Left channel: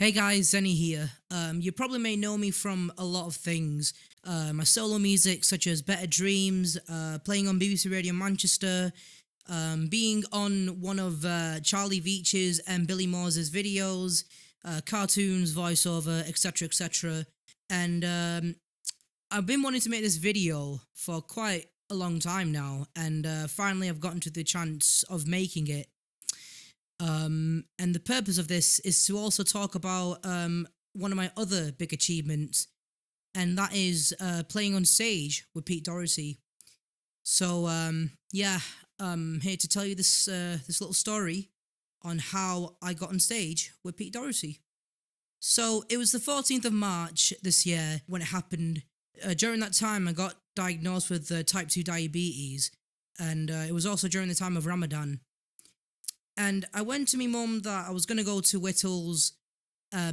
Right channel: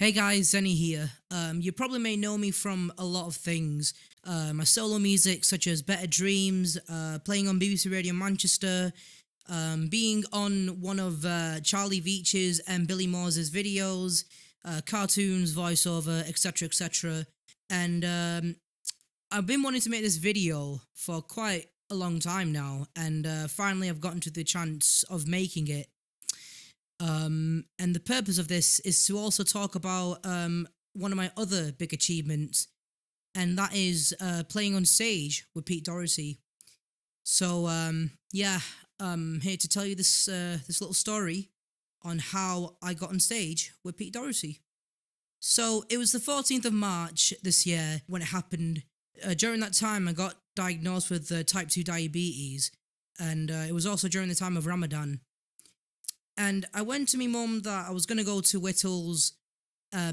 Hey guys, Zenny here. You probably may know me from a lot of things. My solo music, such as Better Dreams, playing on BBC Radio Manchester, being on one of Charlie Veach's and Billy Moore's videos, cartoons, voiceover, etc., etc. And I've been wanting to make this video for quite a long time now, and finally I've gotten to the chance of making it. And the purpose of this is to also talk about one of my other big achievements, and that is playing on stage with Pete Doherty. So yeah, I'm here to tell you this little story on how I got on stage with Pete Doherty. So it was the 14th of March this year when it happened. During that time, I got diagnosed with type 2 diabetes, and it was also during the time of Ramadan. And I went to my mum that I was going to go to Whittles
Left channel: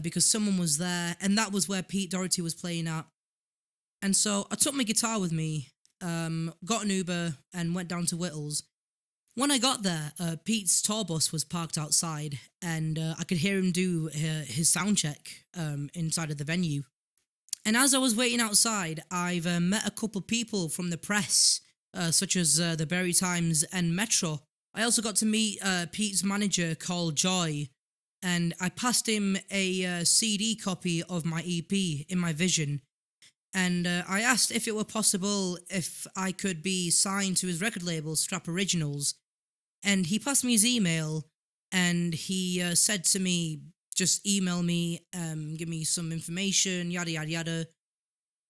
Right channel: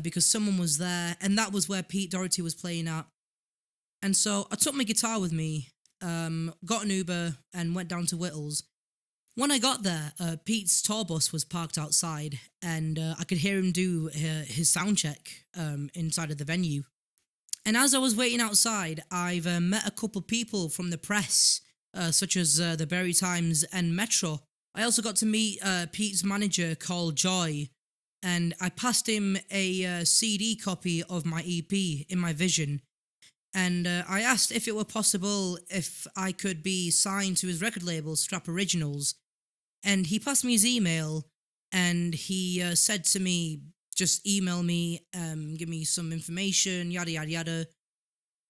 because someone was there, and that was where Pete Doherty was playing at. And so I took my guitar with me, got an Uber, and went down to Whittles. When I got there, Pete's tour bus was parked outside, and I could hear him do his sound check inside of the venue. And as I was waiting outside, I've met a couple people from the press, such as the Libertines and Metro. I also got to meet Pete's manager called Joy, and I passed him a CD copy of my EP in my vision. And I asked if it were possible if I could be signed to his record label, Strap Originals. And he passed me his email, and he said to me, just email me, give me some information, yada yada yada.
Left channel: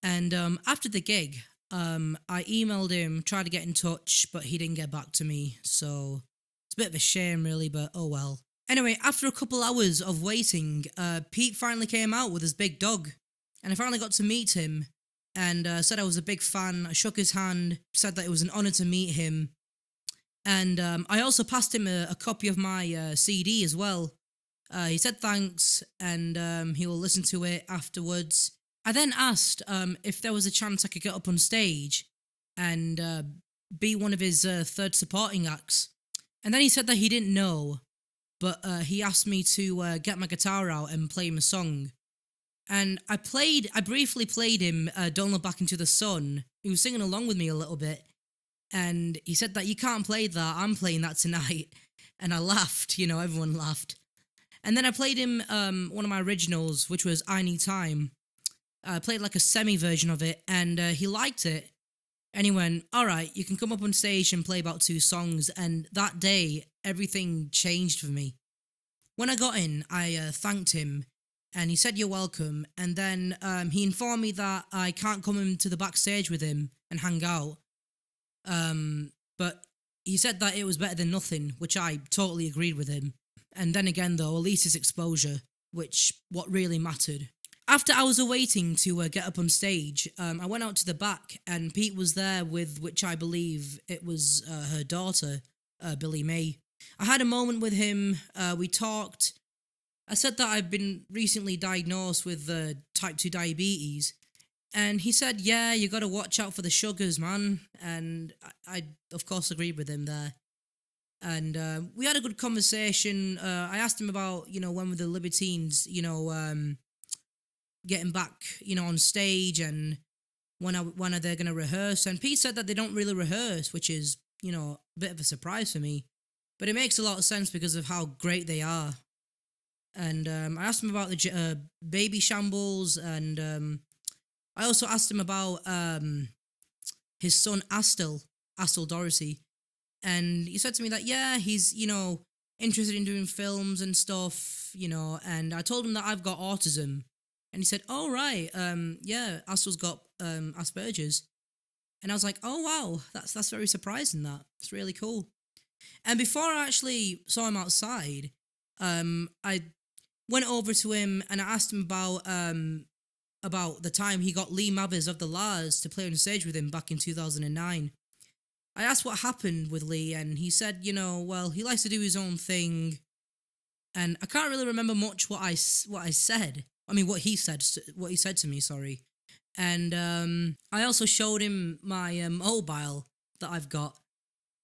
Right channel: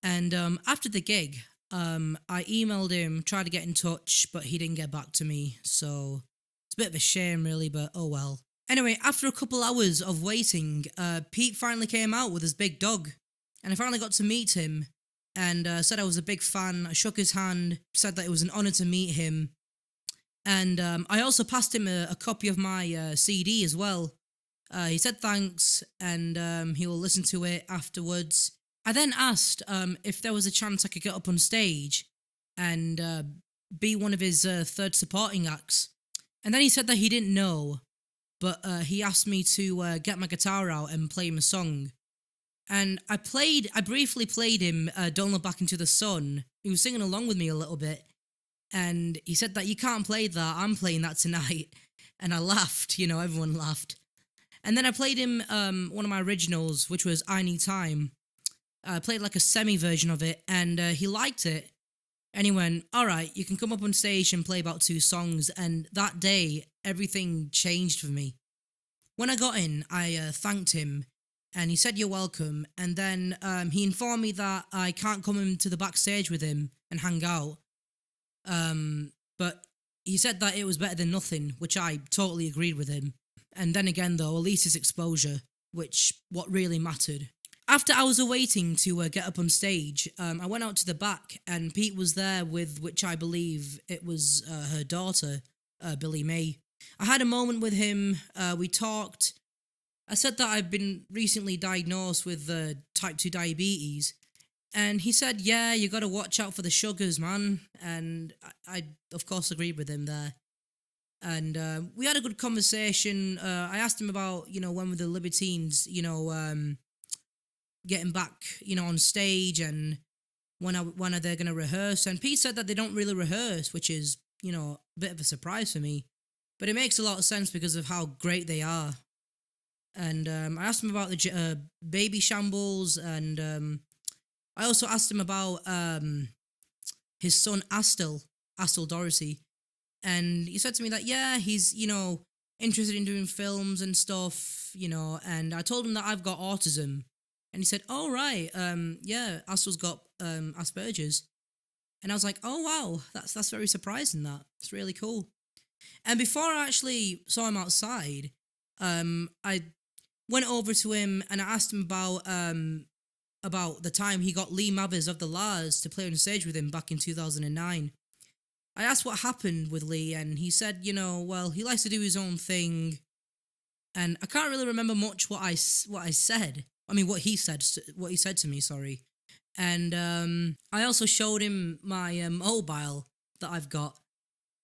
And after the gig, I emailed him, tried to get in touch, but he didn't get back to me. So it's a bit of a shame, really, but oh well. Anyway, after a couple hours of waiting, Pete finally came out with his big dog, and I finally got to meet him. And said I was a big fan. I shook his hand, said that it was an honour to meet him, and I also passed him a copy of my CD as well. He said thanks, and he will listen to it afterwards. I then asked if there was a chance I could get up on stage and be one of his third supporting acts. And then he said that he didn't know, but he asked me to get my guitar out and play him a song. And I briefly played him Don't Look Back Into the Sun. He was singing along with me a little bit. And he said that you can't play that, I'm playing that tonight. And I laughed, everyone laughed. And then I played him one of my originals, which was I Need Time. I played like a semi-version of it, and he liked it. And he went, alright, you can come up on stage and play about 2 songs. And that day, everything changed for me. When I got in, I thanked him, and he said, you're welcome. And then he informed me that I can't come into the backstage with him and hang out. But he said that it was better than nothing, which I totally agreed with him. And then again, though, at least his exposure, which what really mattered. After I was awaiting to get up on stage, I went out to the back, and Pete was there with, which I believe it was her daughter, Billy May. I had a moment with him, we talked. I said that I'd been recently diagnosed with type 2 diabetes, and he said, yeah, you gotta watch out for the sugars, man. And I of course, agreed with him there. And we had a good conversation. I asked him about, when were the Libertines, getting back, on stage, and when are they going to rehearse? And Pete said that they don't really rehearse, which is, a bit of a surprise for me. But it makes a lot of sense because of how great they are. And I asked him about the Babyshambles, and I also asked him about his son Astel Doherty. And he said to me that, yeah, he's, interested in doing films and stuff, and I told him that I've got autism. And he said, oh, right, yeah, Astel's got Asperger's. And I was like, oh, wow, that's very surprising, that. It's really cool. And before I actually saw him outside, I went over to him and I asked him about the time he got Lee Mathers of the Lars to play on stage with him back in 2009. I asked what happened with Lee, and he said, well, he likes to do his own thing. And I can't really remember much what I said. I mean, what he said to me, sorry. And I also showed him my mobile that I've got.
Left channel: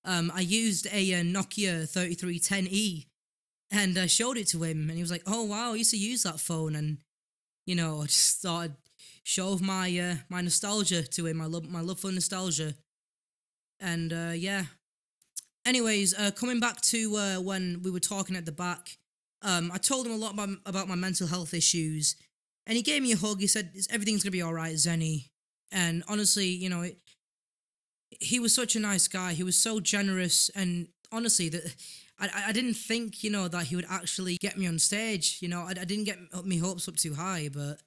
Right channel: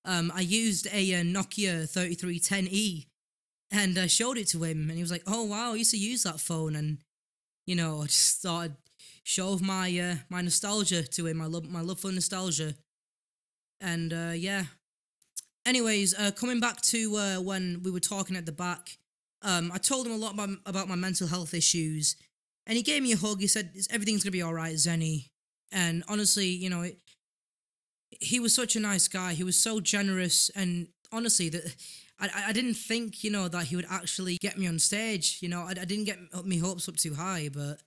I used a Nokia 3310E and showed it to him, and he was like, "Oh wow, I used to use that phone," and I just thought I'd show off my nostalgia to him, my love for nostalgia, and yeah. Anyways, coming back to when we were talking at the back, I told him a lot about my mental health issues, and he gave me a hug. He said, Everything's gonna be all right, Zenny." And honestly, he was such a nice guy. He was so generous, and honestly, that I didn't think that he would actually get me on stage. I didn't get my hopes up too high, but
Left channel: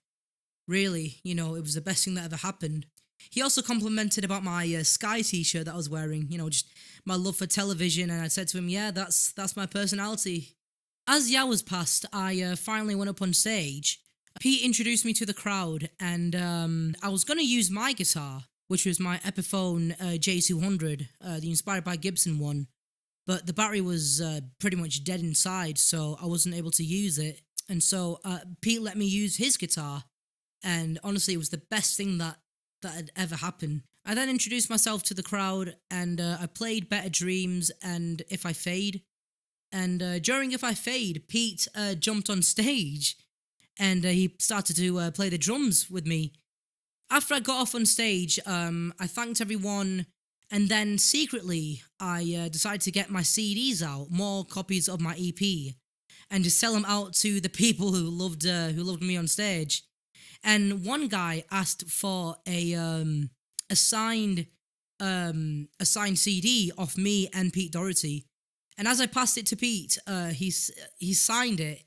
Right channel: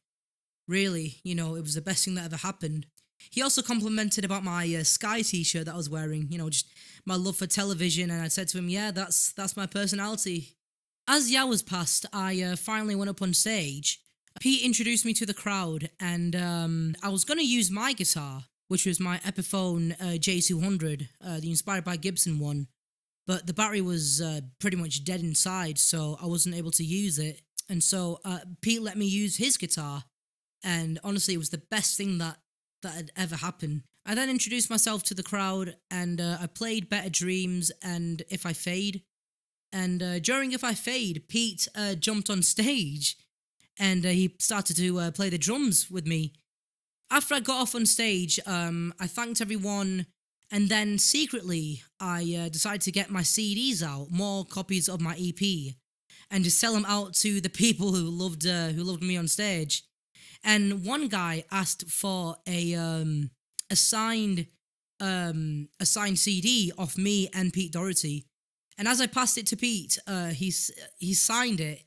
really, it was the best thing that ever happened. He also complimented about my Sky T-shirt that I was wearing. Just my love for television, and I said to him, "Yeah, that's my personality." As the hours passed, I finally went up on stage. Pete introduced me to the crowd, and I was going to use my guitar, which was my Epiphone J200, the inspired by Gibson one, but the battery was pretty much dead inside, so I wasn't able to use it. And so Pete let me use his guitar, and honestly, it was the best thing that had ever happened. I then introduced myself to the crowd, and I played Better Dreams and If I Fade. And during If I Fade, Pete jumped on stage, and he started to play the drums with me. After I got off on stage, I thanked everyone, and then secretly, I decided to get my CDs out, more copies of my EP, and just sell them out to the people who loved me on stage. And one guy asked for a signed a signed CD off me and Pete Doherty. And as I passed it to Pete, he signed it,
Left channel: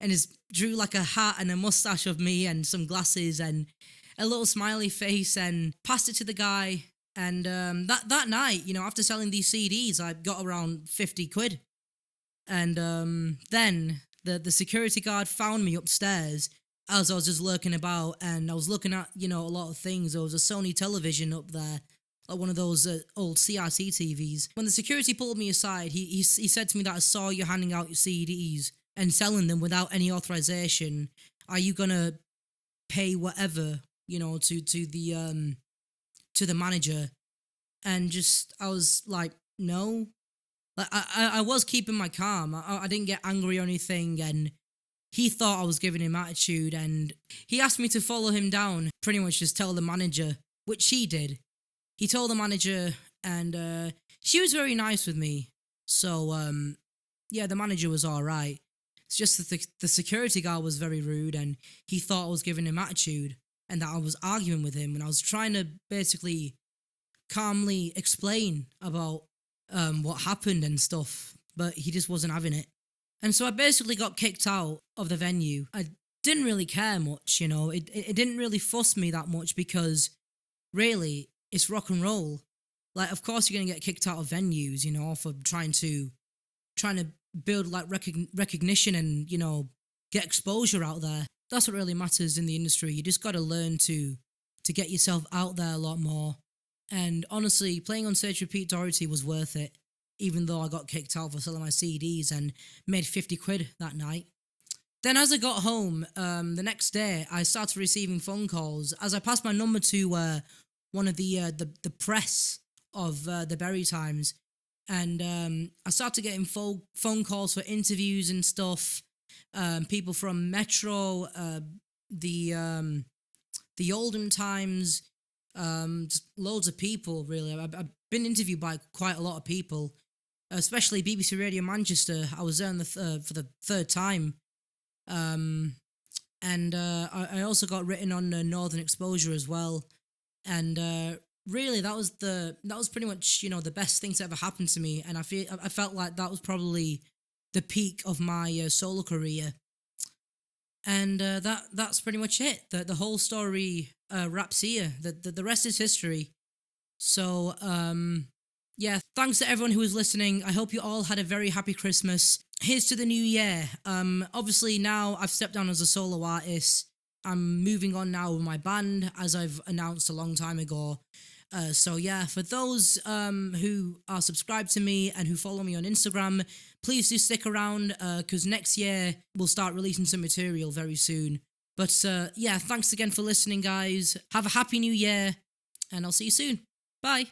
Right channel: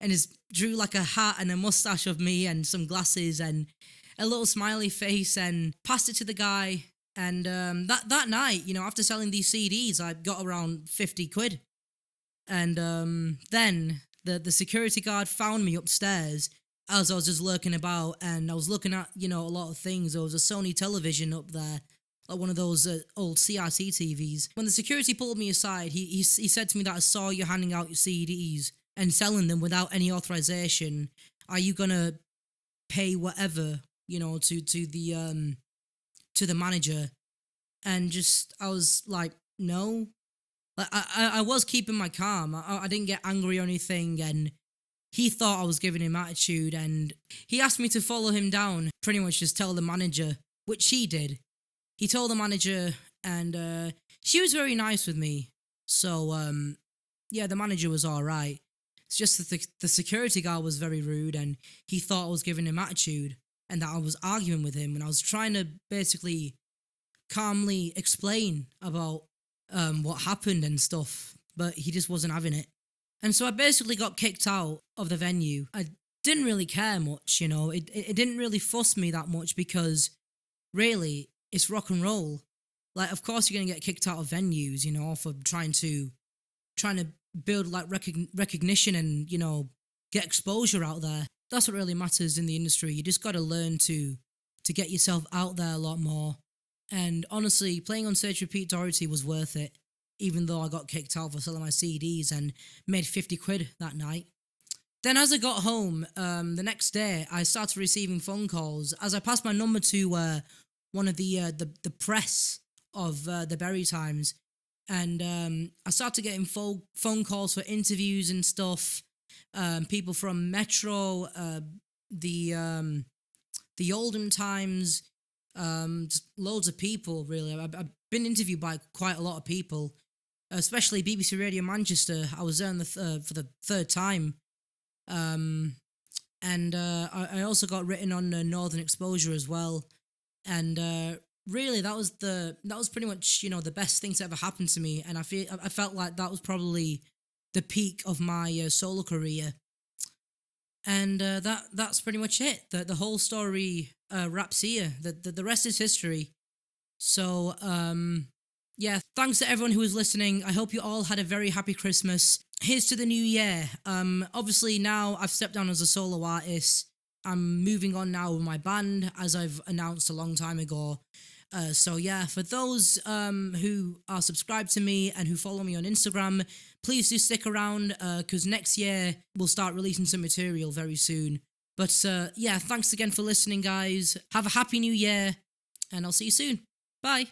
and just drew like a hat and a mustache of me and some glasses and a little smiley face, and passed it to the guy. And that night, after selling these CDs, I got around 50 quid. And then the security guard found me upstairs as I was just lurking about, and I was looking at a lot of things. There was a Sony television up there, like one of those old CRT TVs. When the security pulled me aside, he said to me that I saw you handing out your CDs and selling them without any authorization. Are you gonna pay whatever to the manager? And just I was like, no. Like I was keeping my calm. I didn't get angry or anything, and he thought I was giving him attitude, and he asked me to follow him down, pretty much just tell the manager, which he did. He told the manager, and she was very nice with me. So yeah, the manager was all right. It's just that the security guard was very rude, and he thought I was giving him attitude, and that I was arguing with him, and I was trying to basically calmly explain about what happened and stuff, but he just wasn't having it. And so I basically got kicked out of the venue. I didn't really care much, it didn't really fuss me that much, because really, it's rock and roll. Like, of course you're gonna get kicked out of venues, for trying to build like recognition and get exposure out there. That's what really matters in the industry. You just gotta learn to get yourself out there a lot more. And honestly, playing on stage with Pete Doherty was worth it, even though I got kicked out for selling my CDs and made 50 quid that night. Then as I got home, the next day, I started receiving phone calls as I passed my number to one of the press of the Berry Times, and I started getting phone calls for interviews and stuff. People from Metro, the Oldham Times, just loads of people. Really, I've been interviewed by quite a lot of people, especially BBC Radio Manchester. I was there for the third time. And I also got written on Northern Exposure as well, and really that was pretty much the best thing to ever happen to me, and I felt like that was probably the peak of my solo career, and that's pretty much it. The whole story wraps here. The rest is history. So yeah, thanks to everyone who was listening. I hope you all had a very happy Christmas. Here's to the new year. Obviously now I've stepped down as a solo artist. I'm moving on now with my band, as I've announced a long time ago. So yeah, for those who are subscribed to me and who follow me on Instagram, please do stick around, because next year we'll start releasing some material very soon. But yeah, thanks again for listening, guys. Have a happy new year, and I'll see you soon. Bye.